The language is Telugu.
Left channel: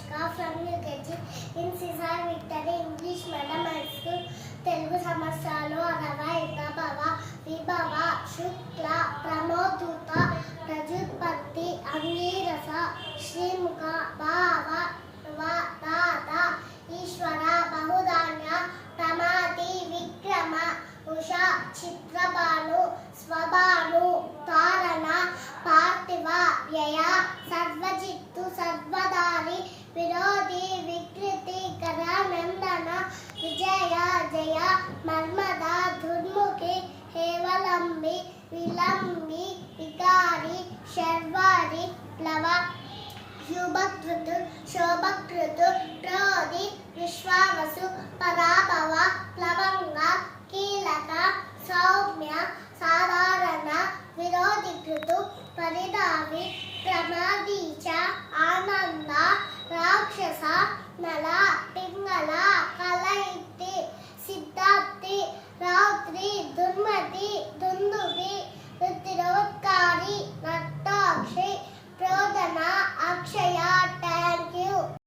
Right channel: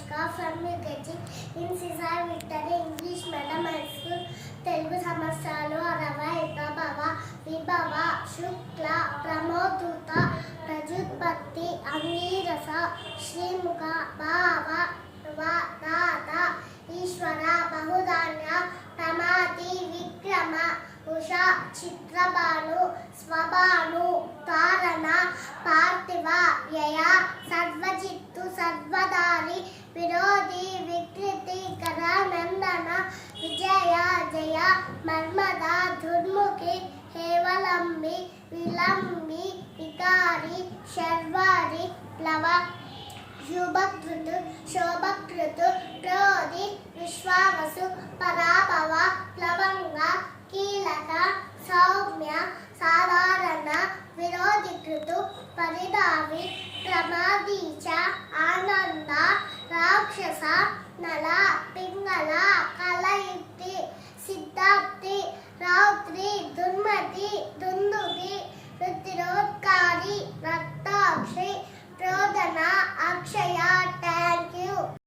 Anushka from UKG in CSI Victory English Medium High School. Telugu సంవత్సరాలు 60 భవ విభవ శుక్ల ప్రమోదుత ప్రజుత్పత్తి అంగీరస శ్రీముఖ భావ దాత ఈశ్వర బహుధాన్య ప్రమాతి విక్రమ ఉష చిత్రభాను స్వభాను తారణ పార్థివ వ్యయ సర్వజిత్తు సర్వదారి విరోధి వికృతి కర నందన విజయ జయ మర్మద దుర్ముఖి హేవలంబి విలంబి వికారి శర్వారి ప్లవ శుభకృతు శోభకృతు ప్రోధి విశ్వావసు పరాభవ ప్లవంగ కీలక సౌమ్య సాధారణ విరోధికృతు పరిధావి ప్రమాదీచ ఆనంద రాక్షస నల పింగళ కలయితి సిద్ధాప్తి రౌత్రి దుర్మతి దుందువి రుతిరోత్కారి